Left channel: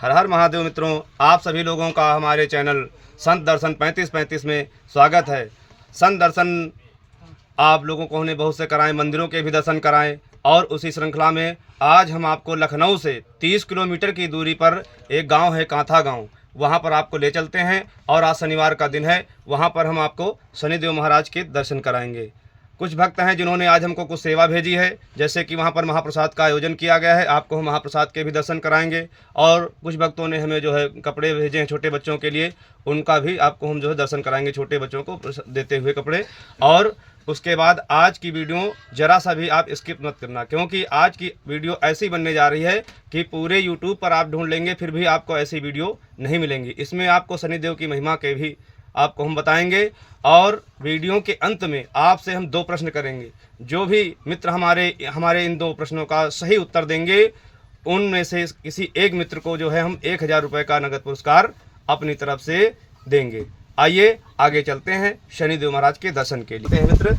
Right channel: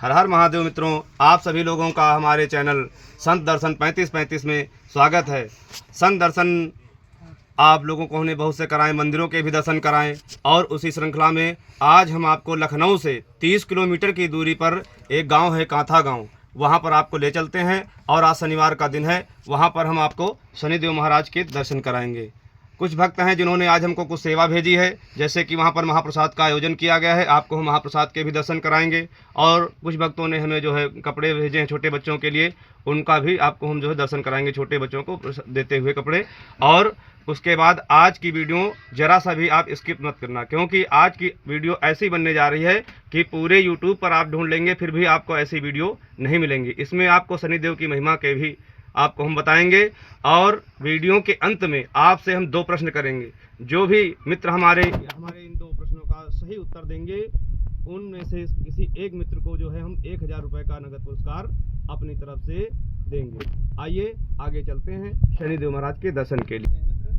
हर हर महादेव मित्रों, आप सभी लोगों का हमारे चैनल संत दर्शन 3535 में स्वागत है। संत दर्शन आप लोगों को हमने बहुत से कराएं, मंदिरों के भी दर्शन कराएं और उसी श्रृंखला में आज हम आपको लखनऊ से 30 किलोमीटर की दूरी पर एक गांव है कांथा गांव, वहां पर आपको ले चलते हैं। और आज शनिवार का दिन है, वहां पर हम आपको शनिदेव महाराज के दर्शन कराएंगे। कुछ भक्त हैं जिन्होंने आज हमको कुछ सेवा भेजी है, जैसे कि वहाँ पर महाप्रसाद का आयोजन किया गया है, आपको हम महाप्रसाद के भी दर्शन कराएंगे। और कुछ भक्तों ने हमें जो है कपड़े भेजे हैं छोटे बच्चों के लिए, उनका भी आपको हम जो है दर्शन कराएंगे, छोटे बच्चों को देते हुए कपड़े। और उसके बाद आज की वीडियो ज़रा सा भी आप स्किप मत करना, क्योंकि आज की वीडियो ऐसी बनने जा रही है कि पूरे यूट्यूब पर आप ढूंढ लेंगे फिर भी आपको ऐसी वीडियो नहीं मिलेंगी। इसमें आपको शनिदेव की महिमा के भी आपको हम बताएंगे। और वीडियो के अंत में आपसे हम 2 प्रश्न करेंगे। जो भी मित्र हमारे इन 2 प्रश्नों का सही उत्तर देंगे, उनमें से किसी एक मित्र को जो है हम 1000 रुपये का नगद पुरस्कार अपनी तरफ से देंगे। आइए आगे चलते हैं शनिदेव महाराज के दर्शन के लिए। मित्र,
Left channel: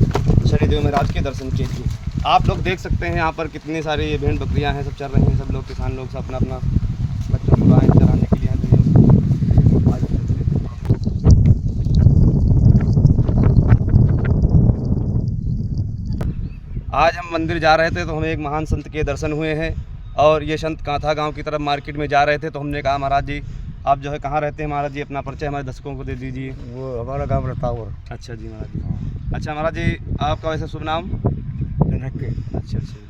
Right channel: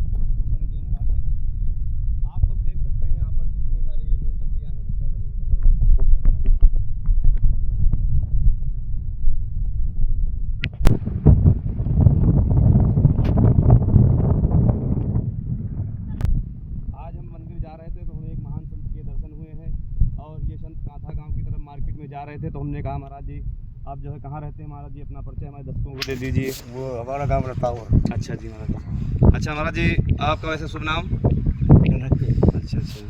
शनिदेव महाराज के दर्शन के लिए आप लोग देख सकते हैं यहाँ पर कितने सारे ये भेड़ बकरियाँ हैं, सब चल रही हैं। सब लोग किसान लोग सब अपना बच्चों को गाय चराने के लिए आज हम मंदिर जा रहे थे तो हमें एक महान संत के दर्शन हुए हैं। और ये संत कांथा गांव की तरफ मार्केट में जा रहे थे तो हमने कहा महाराज जी आप जो है कहाँ रहते हैं महाराज जी, अपना परिचय हमारे दर्शकों को दे दीजिए। वो हमारा गांव रतावर। अच्छा जी महाराज जी। अच्छा महाराज जी, आपका वैसे शुभ नाम? अच्छा अच्छा,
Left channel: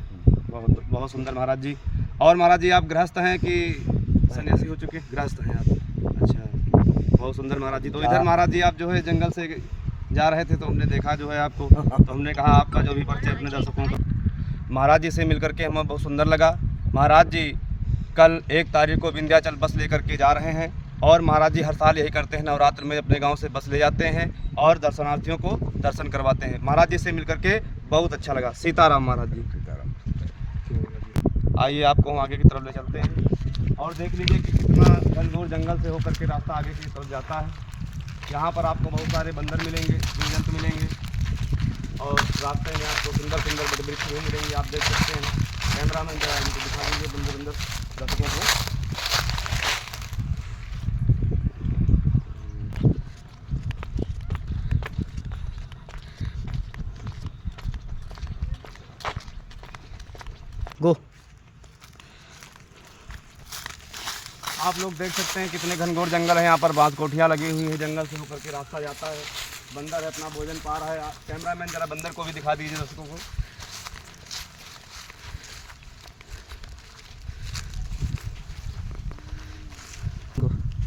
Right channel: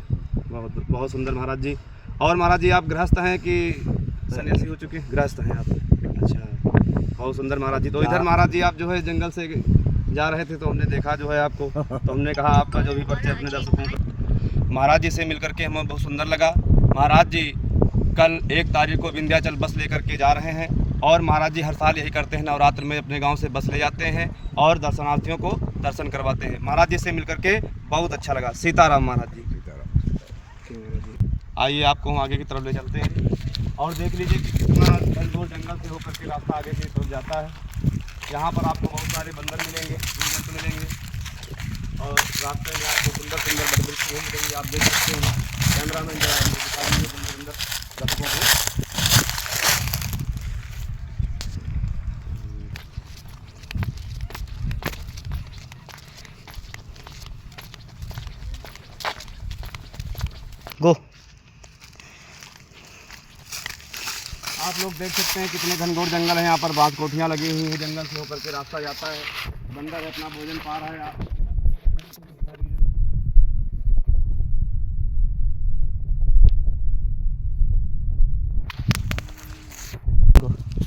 बहुत बहुत सुंदर महाराज जी। और महाराज जी आप गृहस्थ हैं कि सन्यासी हो चुके? गृहस्थ हैं आप। अच्छा, बहुत सुंदर महाराज जी। तो इधर महाराज जी आप जो है जंगल से जा रहे थे तो हमने देखा जो है आपको, तो हमने कहा आपका जो भी परिचय अपने दर्शकों को। महाराज जी से मिलकर के हमें बहुत सुंदर लगा। महाराज जी कल 1 तारीख को विंध्याचल बस लेकर के जा रहे हैं और महाराज जी हर साल यही करते हैं, नवरात्र में अपने गांव से बस ले जाते हैं और दर्शनार्थियों को दर्शन करवाते हैं। महाराज जी से मिलकर के बहुत अच्छा लगा। सीताराम महाराज जी। आइए आपको हम आगे की तरफ ले चलते हैं और देख लीजिए कि कितना घनघोर जंगल से होकर के रास्ता आगे की तरफ जाता है। यहाँ पर आपको बहुत सारे बंदर मिलेंगे, जीव-जंतु मिलेंगे और रास्ते में आपको सुंदर सुंदर बड़े वृक्ष भी मिलेंगे। आप देख सकते हैं। कैमरा मैन जो है हमको दिखा दीजिए बंदर दर्शकों को। गो आप लोग देख सकते हैं कितने घनघोर जंगल है। यहाँ पर बांस कोठियाँ लगी हुई है, जंगल से होकर के रास्ता जाता है। बंदर अपना भोजन पा रहा है। कैमरामैन जरा बंदर को भी दिखा दीजिए दोस्तों को।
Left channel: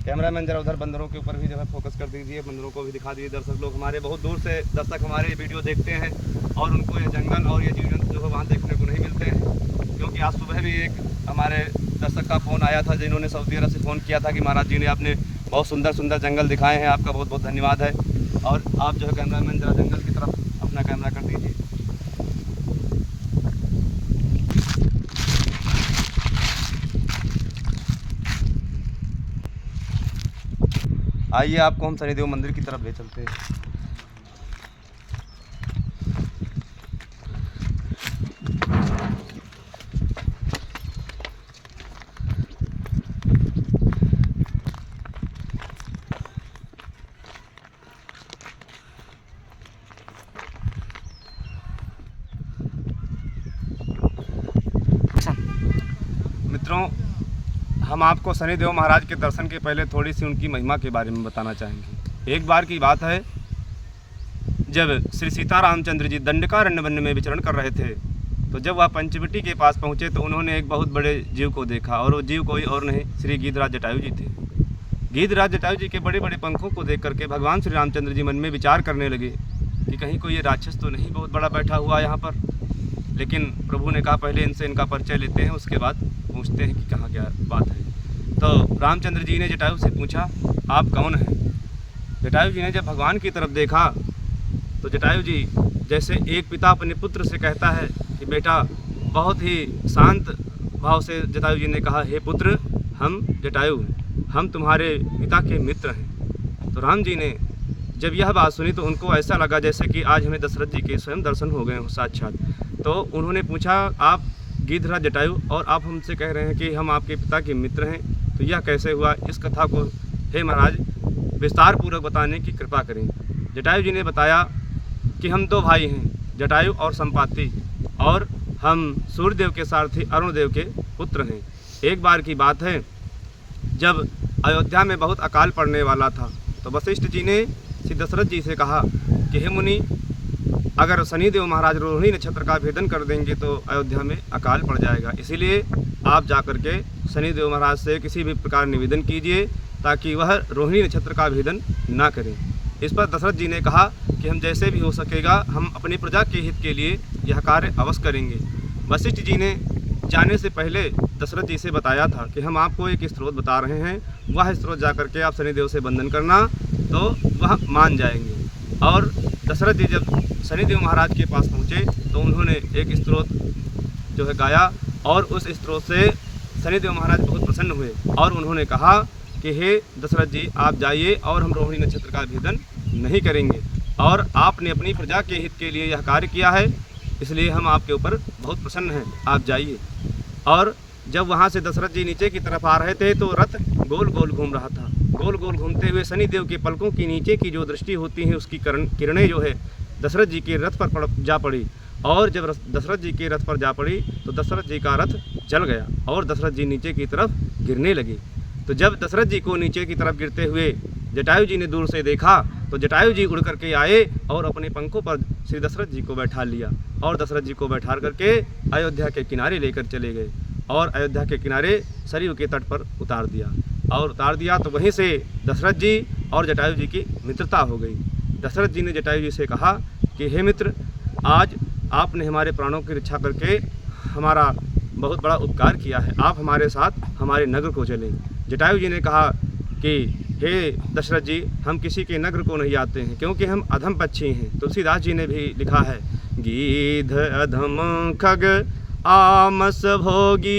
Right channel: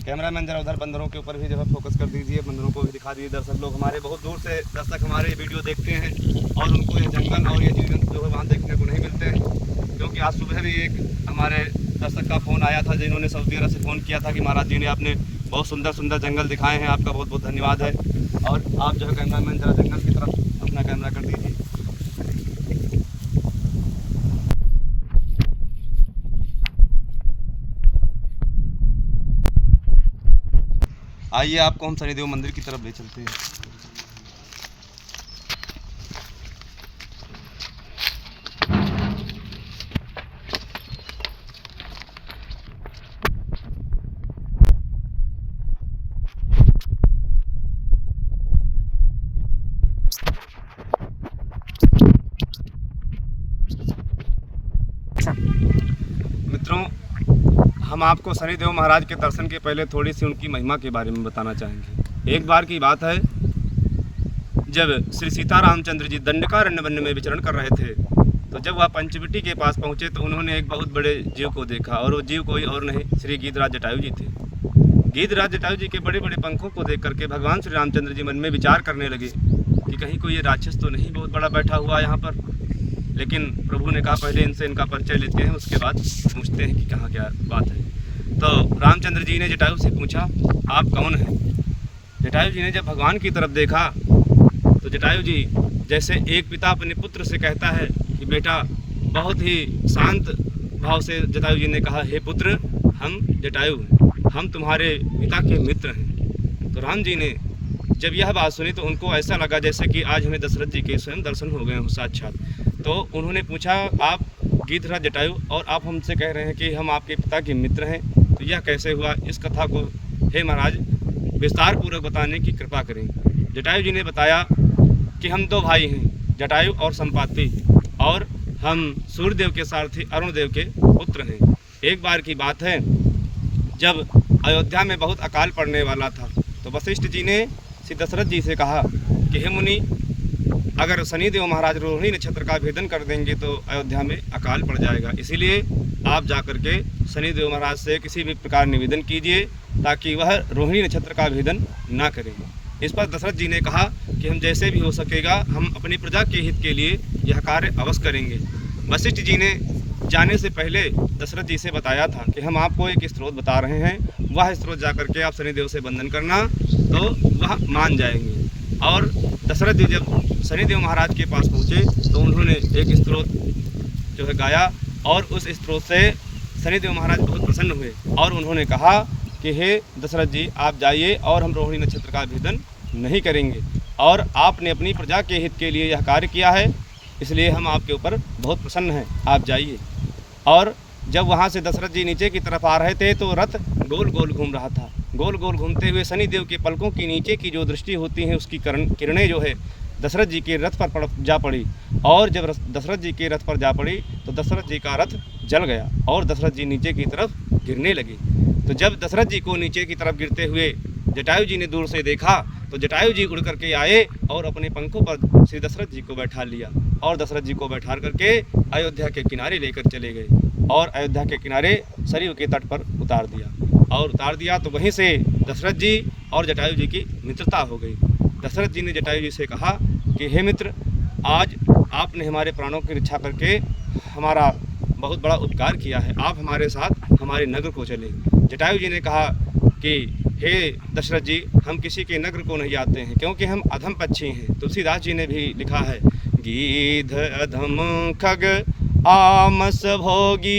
कैमरामैन जरा उधर बंदरों के ऊपर भी जो है फोकस कर दीजिए, बंदरों को भी दिखा दीजिए। दर्शक लोग हमारे बहुत दूर से दर्शक हमारे वीडियो देखते हैं और उनको ये जंगल और ये जीव जो है वहाँ देखने को नहीं मिलते हैं। क्योंकि आज सुबह भी एक हमारे दर्शक का फ़ोन आया था जिन्होंने सऊदी अरब से फ़ोन किया था कि महाराज जी ने आपने बहुत सुंदर सुंदर जंगल दिखाए हैं, आपका बहुत बहुत धन्यवाद है। और आप जो है कैमरामैन जरा जंगल की तरफ अपना कैमरा कर दीजिए। आइए आपको हम शनिदेव मंदिर की तरफ ले चलते हैं। मित्रों, हम आपको शनिदेव महाराज के दर्शन के पहले थोड़ी सी उनकी महिमा के बारे में बताना चाहेंगे। एक बार की बात है, जब श्री सीतारामचंद्र जी दंडकारण्य वन में विचरण कर रहे थे तो जब वह पंचवटी के पास पहुंचे तो उन्होंने एक बहुत बड़े जीव को देखा। और वो जीव कोई और नहीं, श्री गीधराज जटायु जी थे। गीधराज जटायु जी के बड़े बड़े पंखों को देख करके भगवान श्री रामचंद्र जी मन में विचार करने लगे कि कहीं कोई ये राक्षस तो नहीं बहुत बड़ा बैठा हुआ यहाँ पर। लेकिन प्रभु ने कहा पहले इनसे इनका परिचय लेते हैं, उसके बाद पूछते हैं कि कहाँ क्या बात है। तो रामचंद्र जी ने जटायु से पूछा आप कौन हैं? जटायु जी ने जब भगवान की तरफ देखा तो जटायु जी जैसे एक पिता अपने पुत्र से कहता है कि बेटा, बहुत ही शांत भाव से जटायु जी ने कहा हे पुत्र, हम जटायु हैं, हम तुम्हारे पिता के मित्र हैं। तो राम जी ने जब यह बात सुनी तो उनको ऐसा लगा जैसे कि आज हमें दशरथ जी के स्वयं दर्शन हो गए हो साक्षात। तो उन्होंने पूछा आप गीधराज जटायु और आप हमसे कह रहे हैं कि हम आपके पिता के मित्र हैं, तो यह कैसे हुआ, इस कथा को हे महाराज विस्तार पूर्वक बताने की कृपा करें। जटायु जी ने बताया कि हम 2 भाई हैं, जटायु और संपाति, और हम सूर्यदेव के सारथी अरुण देव के पुत्र हैं। एक बार की बात है, जब अयोध्या में बहुत अकाल पड़ने वाला था तो वशिष्ठ जी ने श्री दशरथ जी से कहा कि हे मुनि, अगर शनिदेव महाराज रोहिणी नक्षत्र का भेदन कर देंगे तो अयोध्या में अकाल पड़ जाएगा, इसीलिए आप जाकर के शनिदेव महाराज से किसी भी प्रकार निवेदन कीजिए ताकि वह रोहिणी नक्षत्र का भेदन ना करें। इस पर दशरथ जी ने कहा कि हम जैसे भी हो सकेगा हम अपनी प्रजा के हित के लिए यह कार्य अवश्य करेंगे। वशिष्ठ जी ने जाने से पहले दशरथ जी से बताया था कि हम आपको एक स्रोत बता रहे हैं, वह स्रोत जाकर के आप शनिदेव से बंधन करना तो वह मान जाएंगे। और दशरथ जी जब शनिदेव महाराज के पास पहुँचे तो उन्होंने एक स्रोत जो है गाया, और उस स्रोत से शनिदेव महाराज बहुत प्रसन्न हुए और उन्होंने कहा कि हे दशरथ जी, आप जाइए और हम रोहिणी नक्षत्र का भेदन नहीं करेंगे, और आपने अपनी प्रजा के हित के लिए यह कार्य किया है, इसलिए हम आपके ऊपर बहुत प्रसन्न हैं, आप जाइए। और जब वहाँ से दशरथ जी नीचे की तरफ आ रहे थे तो रथ गोल गोल घूम रहा था। गोल गोल घूमते हुए शनिदेव के पलकों की नीचे की जो दृष्टि होती है उसकी किरणें जो है दशरथ जी के रथ पर जा पड़ी, और जब दशरथ जी के रथ पर जा पड़ी तो दशरथ जी का रथ जल गया और दशरथ जी नीचे की तरफ गिरने लगे। तो जब दशरथ जी को नीचे की तरफ गिरते हुए जटायु जी ने दूर से देखा तो जटायु जी उड़ करके आए और अपने पंखों पर श्री दशरथ जी को बैठा लिया और दशरथ जी को बैठा करके अयोध्या के किनारे लेकर चले गए और अयोध्या के किनारे सरयू के तट पर उतार दिया। तो वहीं से दशरथ जी और जटायु जी की मित्रता हो गई। दशरथ जी ने जटायु जी से कहा कि हे मित्र, आज आपने हमारे प्राणों की रक्षा करके हमारा बहुत बड़ा उपकार किया है, आप हमारे साथ हमारे नगर को चलें। जटायु जी ने कहा कि हे दशरथ जी, हम किसी के नगर को नहीं आते हैं क्योंकि हम अधम पक्षी हैं। तुलसीदास जी ने भी लिखा है, गीध अधम खग आमस भोगी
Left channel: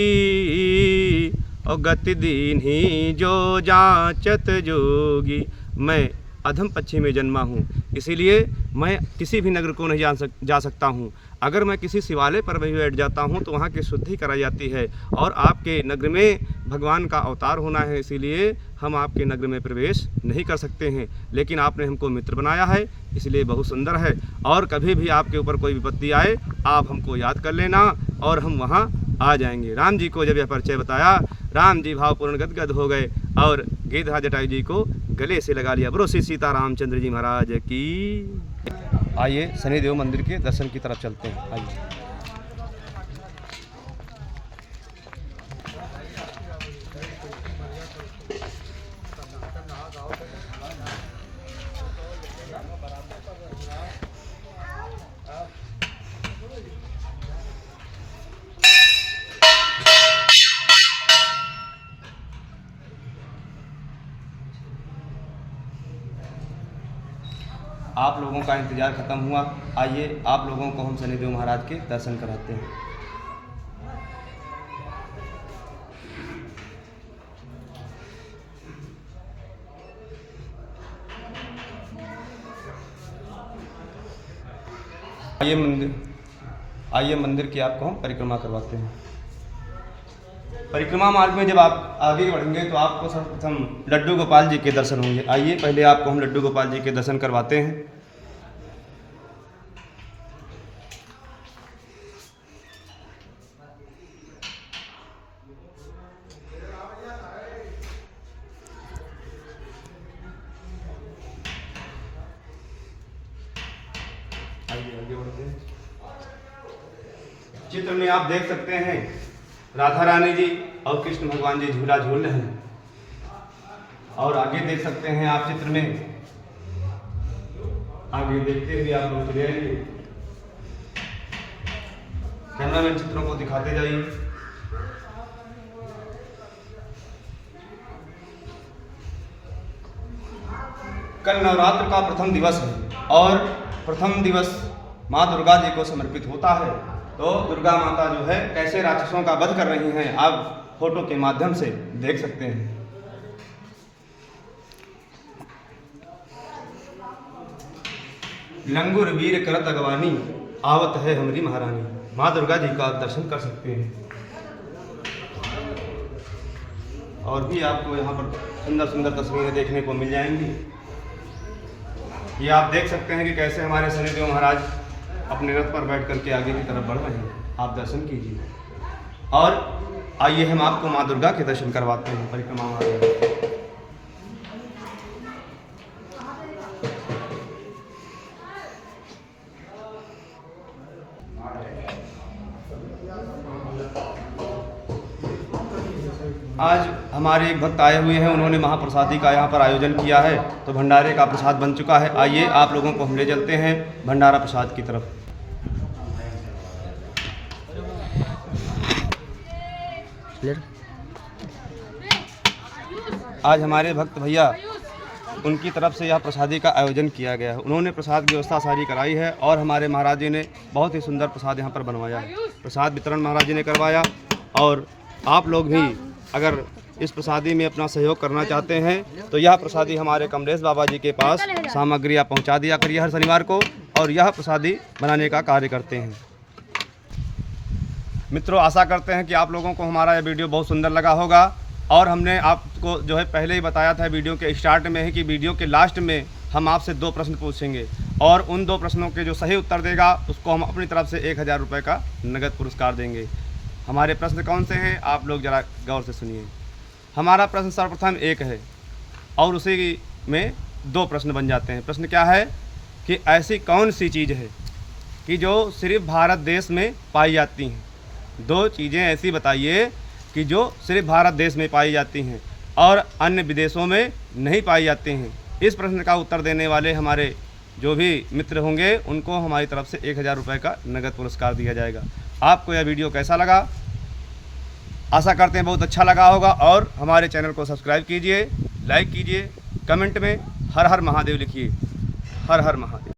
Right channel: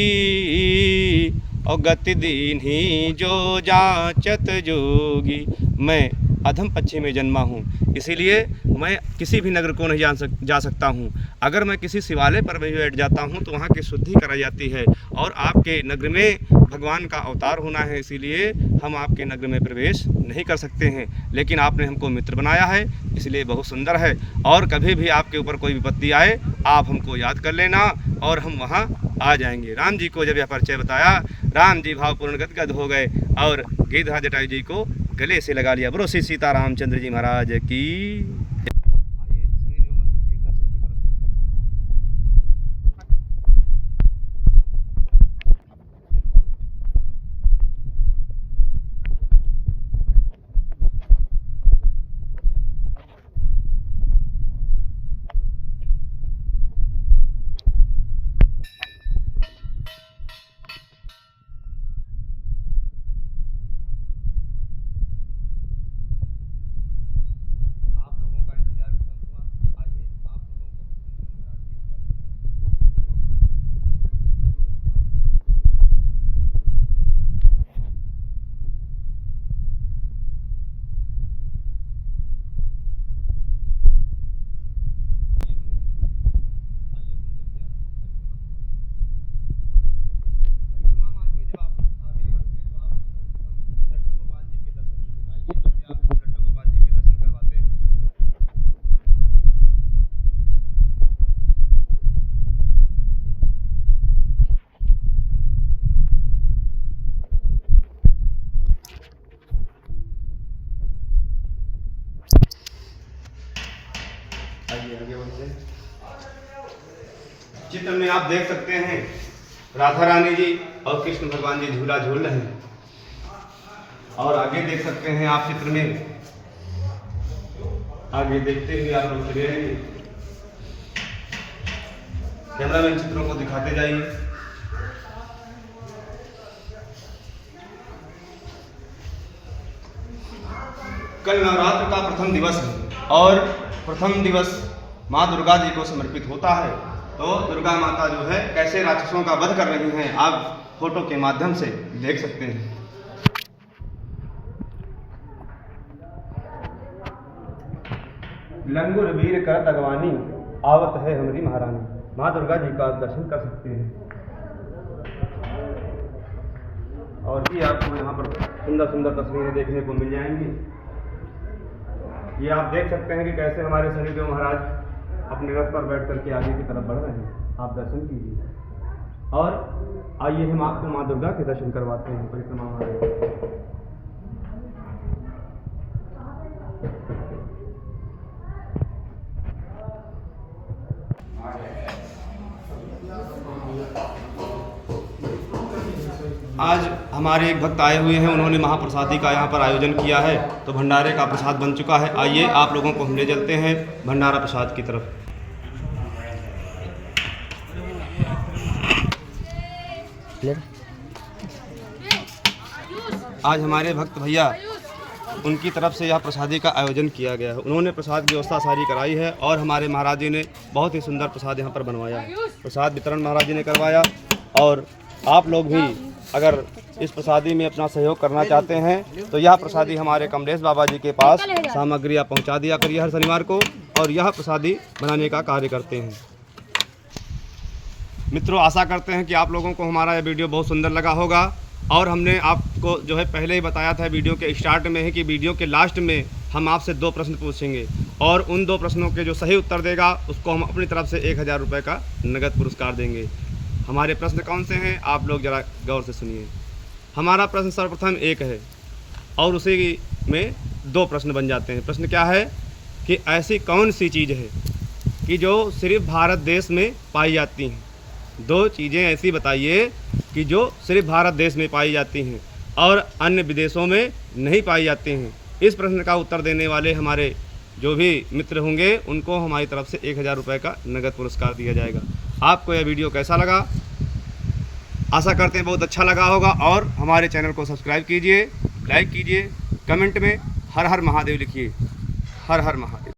और गति दीन्ही जो जाचत जोगी। मैं अधम पक्षी में जन्मा हूँ, इसीलिए मैं किसी भी नगर को नहीं जा सकता हूँ। अगर मैं किसी शिवालय पर भी बैठ जाता हूँ तो वहाँ की शुद्धि कराई जाती है, और आपके नगर में भगवान का अवतार होना है, इसीलिए हम आपके नगर में प्रवेश नहीं कर सकते हैं। लेकिन आपने हमको मित्र बनाया है, इसलिए बहुत सुंदर है, और कभी भी आपके ऊपर कोई विपत्ति आए आप हमको याद कर लेना और हम वहाँ आ जाएंगे। राम जी को जब यह परिचय बताया, राम जी भावपूर्ण गदगद हो गए और गिरधराज जटायु जी को गले से लगा लिया। बोलो श्री सीता रामचंद्र जी महाराज की। आइए शनिदेव मंदिर के दर्शन की तरफ चलते हैं। आइए। आप लोगों का इंतज़ार ख़त्म हुआ, आइए आप लोगों को हम शनिदेव महाराज के दर्शन कराते हैं। आइए मंदिर की आपको हम परिक्रमा करवाते हैं। परिक्रमा मार्ग में जब आप आगे बढ़ेंगे तो आपको सर्वप्रथम लड्डू गोपाल जी के दर्शन होंगे। आइए पहले आपको हम लड्डू गोपाल जी के दर्शन करवाते हैं। चित्र में आप देख सकते हैं राधा रानी जी और कृष्ण भगवान जी झूला झूल रहे हैं, और आगे देख सकते हैं आप चित्र में, आगे देखते हुए आप लोग चले आएंगे। कैमरामैन चित्रों को दिखाते जाइए। कल नवरात्र का प्रथम दिवस है और प्रथम दिवस माँ दुर्गा जी को समर्पित होता है। तो दुर्गा माता जो है कैसे राक्षसों का वध कर रही हैं आप फोटो के माध्यम से देख सकते हैं। लंगुर वीर करत अगवानी आवत है हमारी महारानी। माँ दुर्गा जी का दर्शन कर सकते हैं। और भी आपको यहाँ पर सुंदर सुंदर तस्वीरें देखने को मिल जाएंगी। ये आप देख सकते हैं कि कैसे हमारे शनिदेव महाराज अपने रथ पर बैठ करके आगे की तरफ बढ़ रहे हैं। आप दर्शन कीजिए और आइए हम आपको माँ दुर्गा के दर्शन करवाते हैं परिक्रमा में। आज हमारे एक भक्त आए हुए हैं, उन्होंने महाप्रसादी का यहाँ पर आयोजन किया है, तो भंडारे का प्रसाद बन चुका है। आइए आप लोगों को हम ले चलते हैं भंडारा प्रसाद की तरफ। आज हमारे भक्त भैया उनकी तरफ से यह प्रसादी का आयोजन किया गया है। उन्होंने प्रसाद की व्यवस्था सारी कराई है और हमारे महाराज जी ने बहुत ही सुंदर प्रसाद यहाँ पर बनवाया है। प्रसाद वितरण महाराज जी ने करवाया और आप लोग भी अगर इस प्रसादी में अपना सहयोग करना चाहते हैं तो यह प्रसादी हमारे कमलेश बाबा जी के पास सामग्री आप पहुँचा दिया करिए हर शनिवार को, और यह प्रसादी बनाने का कार्य करते हैं। मित्रों, आशा करते हैं कि आप लोगों को हमारा यह वीडियो बहुत सुंदर लगा होगा और हमने आपको जो है पहले ही बताया था वीडियो के स्टार्ट में है कि वीडियो के लास्ट में हम आपसे 2 प्रश्न पूछेंगे और उन 2 प्रश्नों के जो सही उत्तर देगा उसको हम अपनी तरफ से 1000 रुपये का नगद पुरस्कार देंगे। हमारे प्रश्न कौन से हैं आप लोग ज़रा गौर से सुनिए। हमारा प्रश्न सर्वप्रथम 1 है और उसी में 2 प्रश्न बन जाते हैं। प्रश्न क्या है कि ऐसी कौन सी चीज़ है कि जो सिर्फ भारत देश में पाई जाती हैं। 2 चीज़ें ऐसी बताइए कि जो सिर्फ भारत देश में पाई जाती हैं और अन्य विदेशों में नहीं पाई जाती हैं। इस प्रश्न का उत्तर देने वाले हमारे जो भी मित्र होंगे उनको हमारी तरफ से 1000 रुपये का नगद पुरस्कार दिया जाएगा। आपको यह वीडियो कैसा लगा? आशा करते हैं बहुत अच्छा लगा होगा और हमारे चैनल को सब्सक्राइब कीजिए, लाइक कीजिए, कमेंट में हर हर महादेव लिखिए। हर हर महादेव।